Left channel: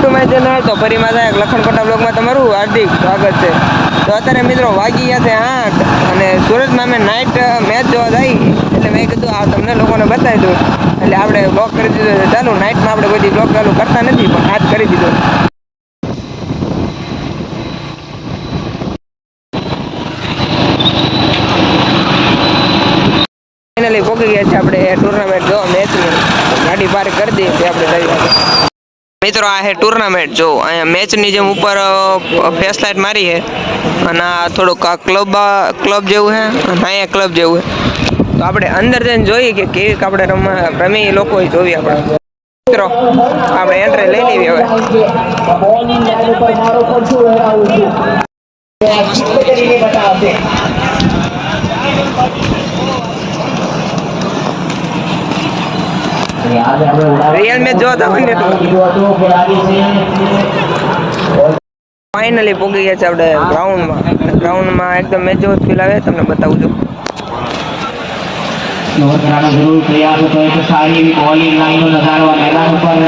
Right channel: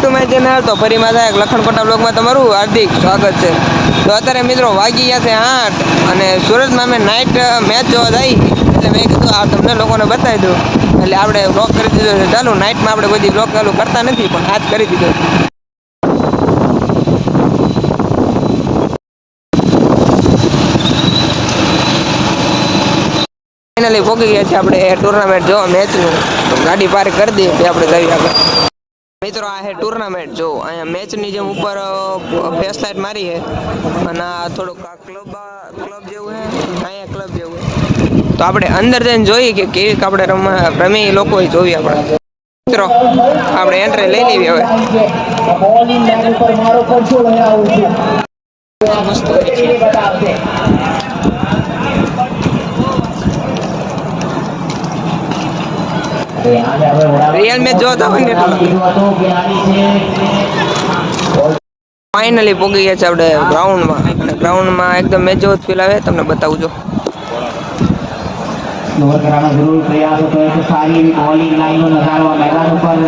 To my channel તો ફરીમાં થાય લખણકોટા બ્લોગમાં તમારું હાર્દિક સ્વાગત છે। તો અત્યારે મિત્રો વાગી ગયા છે 8 અને સુરતમાં અમે નાઇટ મેચ જોવા જઈ એટલે મેં કીધું આ તમને લોકોને બતાવી દઉં એટલે આપણે બ્લોગ કરી દીધો છે। ચાલુ નાઇટમાં આપણે બધી બ્લોગ ચાલુ કરતા નથી પણ આજ કરી દીધો। ફાઇનલી પહોંચી ગયા છે આપણે ટુર્નામેન્ટ જોવા મેચની ગાડી પાર્ક કરી દઈએ આપણે જઈએ આગળ। મિત્રો આ હે ટુર્નામેન્ટ જો અહીંયા મેચની જેમ ઉપર ફેસ લાઇટ મારી છે અને આ થોડુંક આ ક્લબ જેવું છે અને અહીંયા ક્લબ જેવું છે તો આપણે અંદર જઈને જોઈએ કે કેવી આપણે રમી લોકો જોઈએ આપણે મિત્રો આપણે એન્ટ્રી લઈ લેવી હવે। रियल में जो था फाइनली पहुंची गया આપણે ગ્રાઉન્ડમાં એકદમ મેચ જેવો ફીલ આવે તમને બતાવું છું। જરૂર પ્રયાસ કરે તો સારી એવી બોલિંગ લાઈનો નજારવા મેદાન ઉપર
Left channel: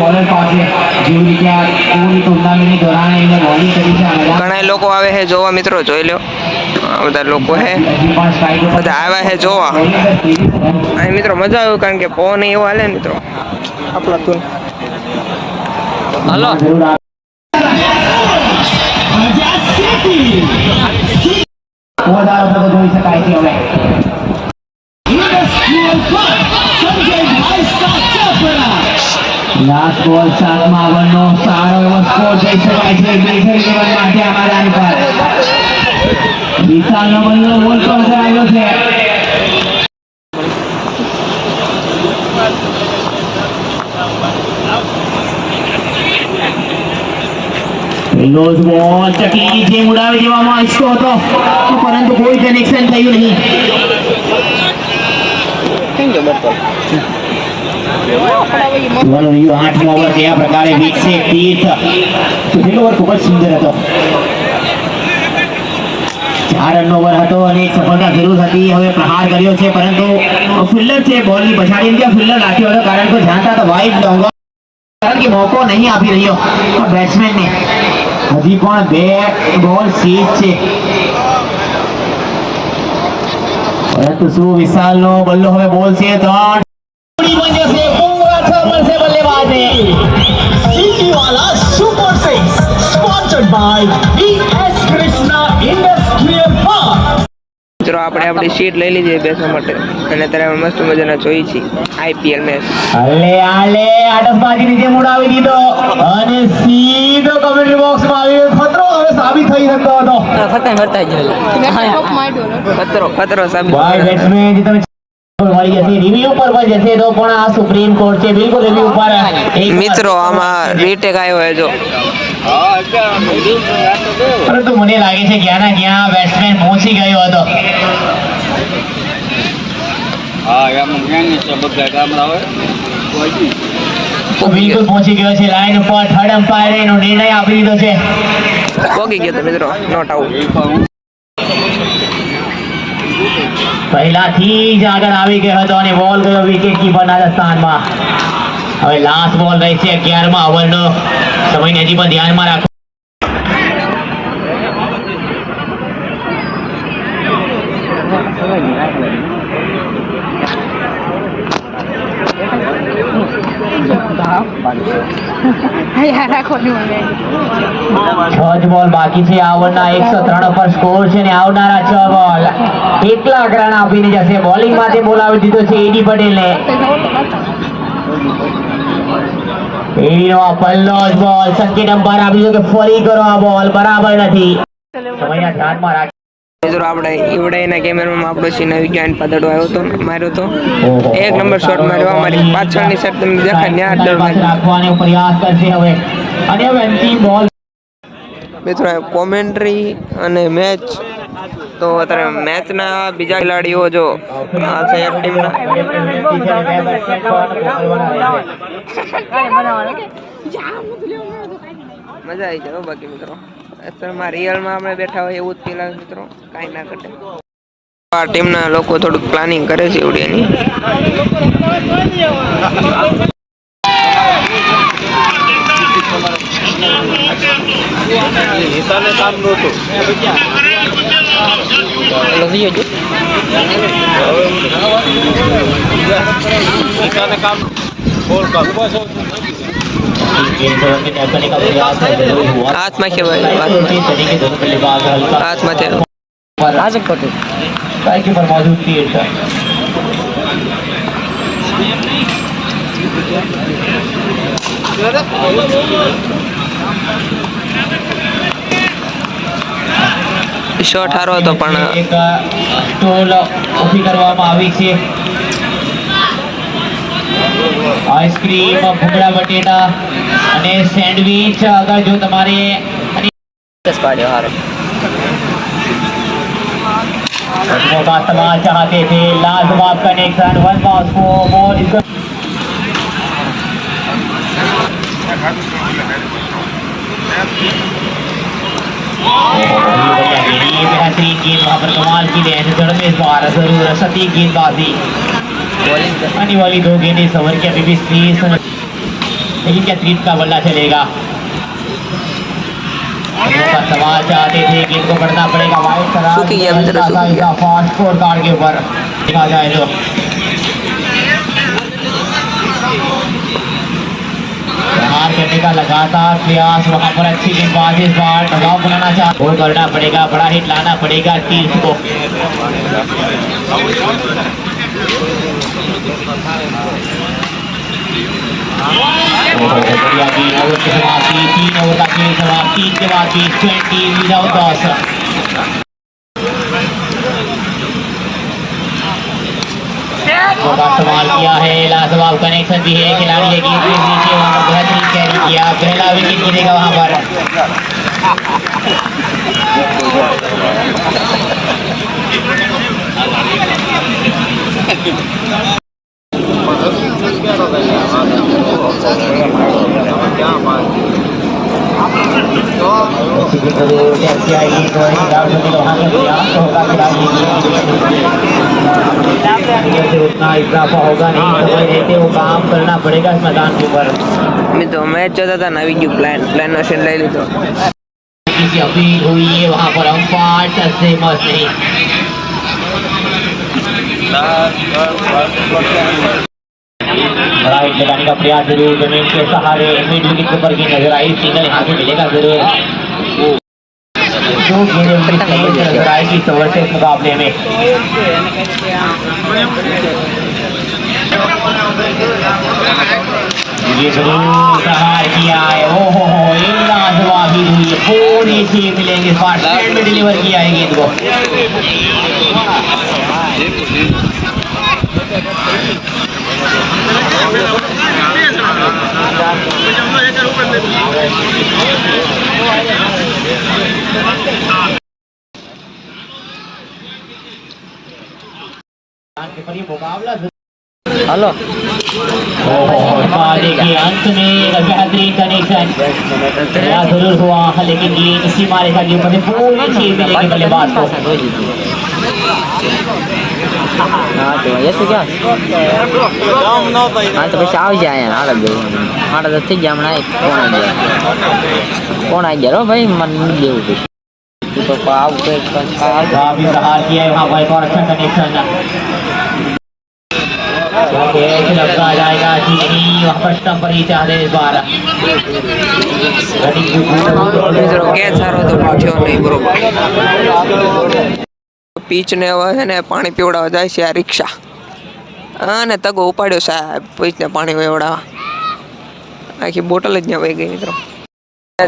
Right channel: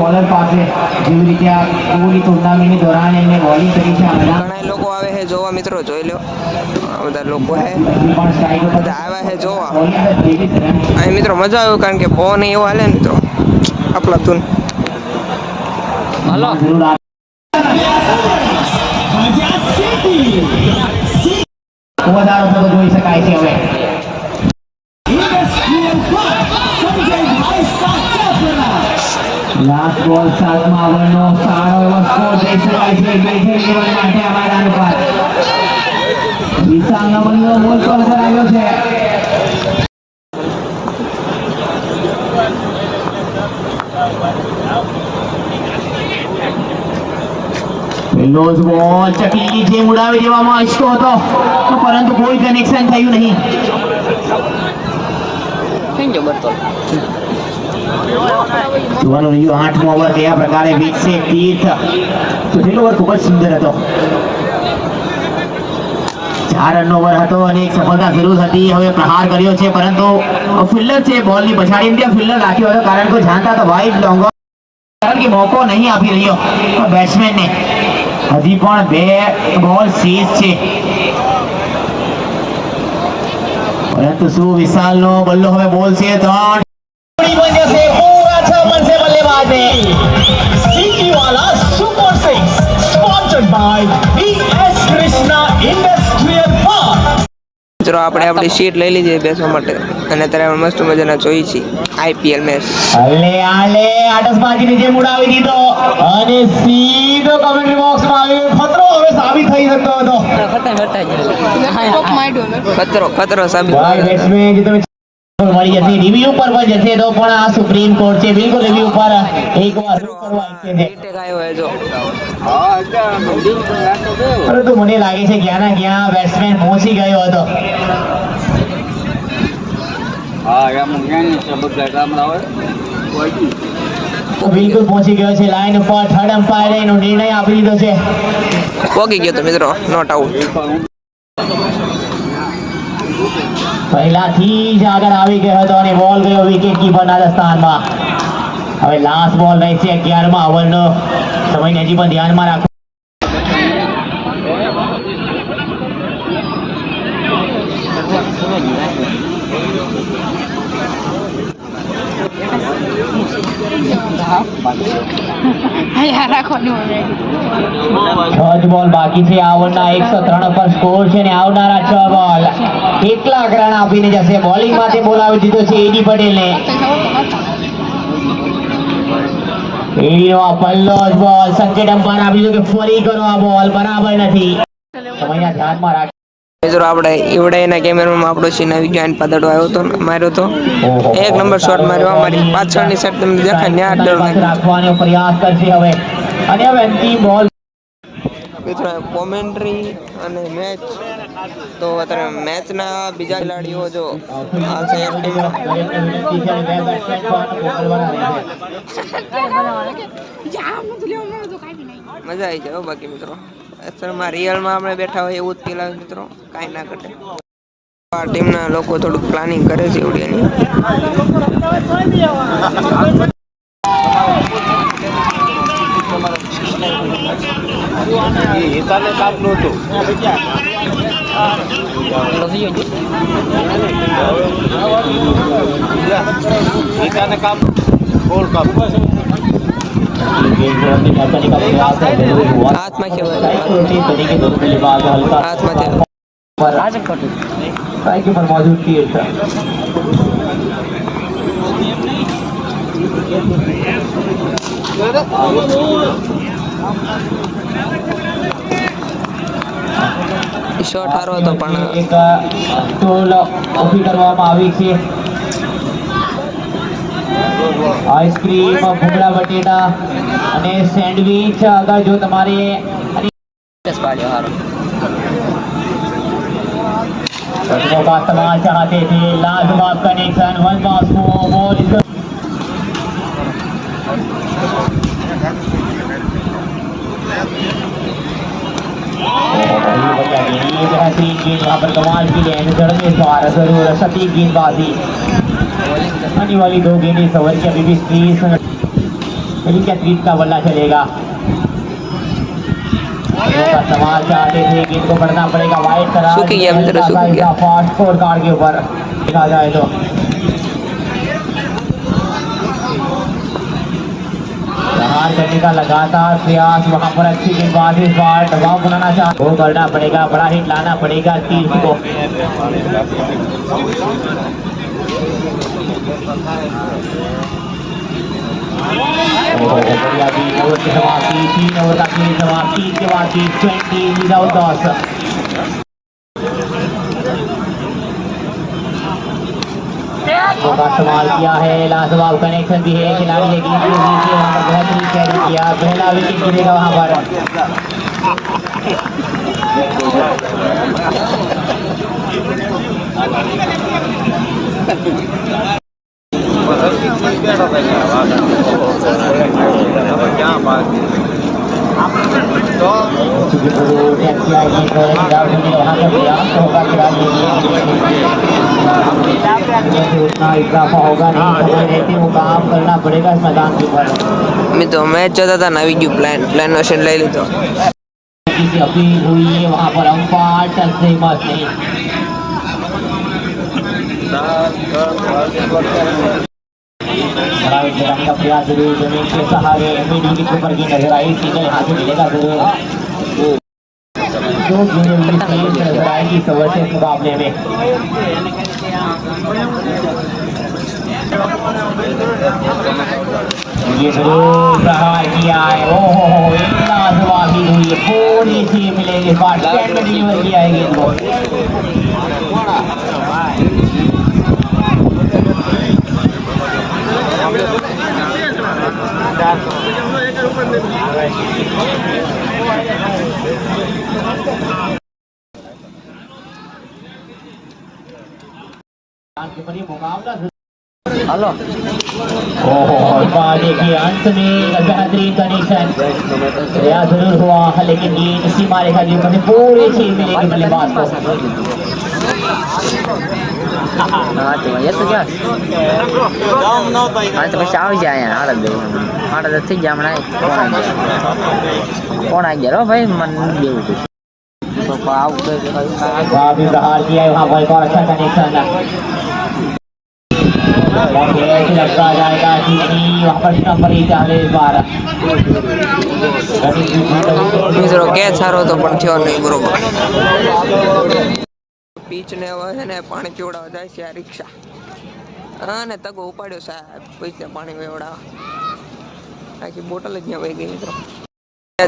બોલર પાસે જેવી રીતે પૂરી ટુર્નામેન્ટની દોરાન એને બોલિંગ કરી છે। ઘણા લોકો આવે છે જોવા મિત્રો જોઈ લો બધા લોકો હે બધા આવ્યા છે જોવા અહીં મિત્રો મજા આવે કારણ કે પવન એવો હાલે ને મિત્રો આપલા તું હાલો જોઈ શકાય છે હવે લાસ્ટ બોલ સાતમા ઓવરનો સારો એવો સ્કોર જઈ શકાય છે ગ્રીઝર માટે અમારાની પર વિશાલનો બંધો બોલ પર આવ્યો છે। પહેલો જ બોલ ચકલીની જેમ ઉડાવી દેવામાં આવ્યો હતો પરંતુ કોઈ કનેક્શન થયું નહીં। આઠમો ઓવર કયા પ્રકારે વીકશે તીર્થ તો છેલ્લો ઓવર ખૂબ જ સુંદર હતો 4 રનનો ઓવર હતો અને સફળતા જરૂર હતી। હવે પ્રહાર કર્યો છે પરંતુ ફિલ્ડર છે બોલની પછાડી ત્યાં ફિલ્ડર રાખ્યો હતો કારણ કે જાણતા તો વાઇડ ડોંગર કારણ કે મોકો નહીં આપી રહ્યો બેટ્સમેનને હજી પણ 2 બોલ સીઝ છે પરંતુ શું વિશાલનો બલ્લો હવે બોલ છે 3 મિત્રો આપણે આપણી સીટ લઈ લીધી બેસવા માટે અને અત્યારે મસ્ત મજાના જોઈ છીએ આઈપીએલ મેચ આલે આટસબાજીની જેમ ઉડાવી દીધો અને સીધો કમેન્ટ્રી બોક્સમાં આવી ખતરો હવે સાબિત થઈ શકતો હતો ખતરો સાબિત મળી જશે રિવ્યુ પર જશે તો પણ આ સુપ્રીમ કોર્ટ છે બિલકુલ રિવ્યુ પર મિત્રો આમાં રીટેક આવ્યો હોય જો પરંતુ મને લાગે છે ક્યાં ના ક્યાં બેટ્સમેન પહોંચી ગયો હતો બિલકુલ પહોંચી ગયો છે લાઈન ઉપર થર્ડ એમ્પાયર એનો નિર્ણય આપી દીધો છે પહોંચી ગયો તો મિત્રો નોટ આઉટ પહેલાથી જ આગળ આવી ગયો હતો અને બોલ ગયો વિકેટ કીપરના સ્થાનમાં। હવે લાસ્ટ બોલ રહેશે 11મા ઓવરનો સમયને હજી પણ ધ્યાનમાં રાખો બોલ બાકી છે આ ઓવરના 103 પર સ્કોર છે ને આવનારા 6 બોલ કેટલા રન આપીને જશે બોલિંગ માટે બોલાવી દીધો છે એડી પટેલને એડીનો આ પહેલો જ બોલ સંકેત અંપાયર આપી દીધો કે ફરી કરો આ બોલ બરાબર નથી સમયના ધ્યાનમાં રાખ મિત્રો આપણે ઈવડાઈના કેમેરામાં આપણો સીન આવી ગયો પાદડો આવ્યો હતો માર્યો તો 1 નંબર શોટ માર્યો અમારી પાછળની સાઈડ તમને દેખાય ન્યા ડર રાખવાનો પ્રયાસ કરશે હવે અને હવે અંતિમ બોલ મિત્રો કોમેન્ટ્રી અને મેચ તો અત્યારે મેચના બીજા ખેલાડીઓ જો આ છે એક ટીમના મજા આવી જાય બાકી મિત્રો અત્યારમાં રિયલમાં આપણે બેઠા હોય એવું જ ફીલ આવે મિત્રો કાંઈ ના ઘટે આ ટીમના લોકો થોડુંક પ્લાનિંગ કરે છે એવડીની હાથમાં છે ભાઈ, હાથમાં છે. पर मौजूद थी શોટ હારો હતો પણ એક સ્ટોલ ઊભી કરવામાં આવી છે. આઈસ્ક્રીમ, ભૂંગળા બટેટા અને સેન્ડવિચ. અગર જો તમારે का इस्तेमाल चाहते थे, लाजवाब कनेक्शन, वन पास मोर बेहतरीन गेंद वहाँ पर कमाल की गेंद जड़ में इस बार जरूर सटीक गेंदबाजी. आने वाली 2 गेंदें सवर के अभी भी 30, लेकिन क्या 30 का बल्ला चलेगा. सवाल चाहते थे कि इनको बढ़ना पड़ेगा. वाइट फास्ट स्कोर कार्ड के ऊपर देखा जाए तो करने का लगातार प्रयास. वहां पर अच्छी गेंदबाजी, इस बार दबाव बनाना चाहते, वो करना पड़ेगा, बड़ा हिट लाना पड़ेगा 30 को. बढ़िया 3 ओवर की समाप्ति, 3 ओवर का खेल समाप्ति के बाद 20 विदाउट लॉस. इस्तेमाल किया है, लाजवाब कनेक्शन भी है. खिलाड़ी है गेंद के नीचे, वहां पर बेहतरीन कैरी किया. पहला विकेट गिरेगा वहां पर. उतना इजाफा होगा नहीं, समय रहते वो काम करना पड़ेगा इस मैदान के ऊपर. મિત્રો મેચ જોતા હતા ને આવી ગયું પ્લાન મશીન લઈ લીધો. अपील हुई है वहाँ पर अंपायर टच से मत नहीं. बड़ा हिट लगाने का प्रयास जरूर, जमीन के सहारे मिड विकेट ऊपर की नजर आई. सिग्नल यहाँ से मिलेगा जरूर. 2 गेंदें उनकी तेज नजर आएगी सवर से इस मुकाबले में. किया है, ओहो एक लाजवाब ही हुई है. थोड़ी सी मिलेंगे, स्टार्ट में डिलीवर किया है गेंद को. હાલો देखिए अंत में एक बेहतरीन कनेक्शन जरूर हुआ, लेकिन गेंद सीमा रेखा के ऊपर पूरी 6 मिलेगी बल्लेबाज को. ये तो क्या तो પછી આવી જાય આગળ જવું મારે તો થઈ જાય હમણાં કોણ આવી ગયા ભાઈ મન જેવું તો આવું काफी प्रहार किया है वहाँ पर. और अच्छा कनेक्शन लगता जाएगा चीनी फर्स्ट नंबर ही चाहते इस बार. મિત્રો કેચ સારો હતો પણ થયો નહીં બરોબર. પીચ ને હવે છે ને પાણી પીવડાવવા જાય છે આ રિક્ષા અને તગો ઉપાડ્યો સાહેબ પીચને પાણી પીવડાવવા. આખી બોટલ જ ત્યાં વહી ગઈ મિત્રો.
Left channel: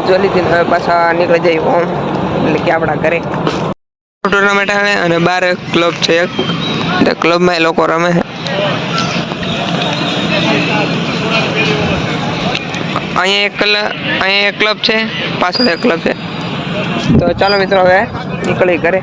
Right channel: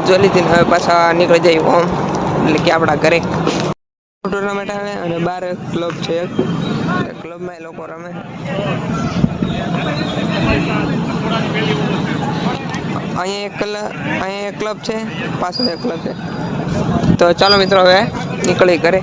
જોઈ લીધી હવે પાછા નીકળી જાય ઓમ એટલે કે આપણા ઘરે. ટુર્નામેન્ટ આવે અને 12 ક્લબ છે, એક ક્લબમાં એ લોકો રમે છે. અહીંયા એક ક્લબ છે, પાછળ એક ક્લબ છે. તો ચાલો મિત્રો હવે નીકળી ઘરે.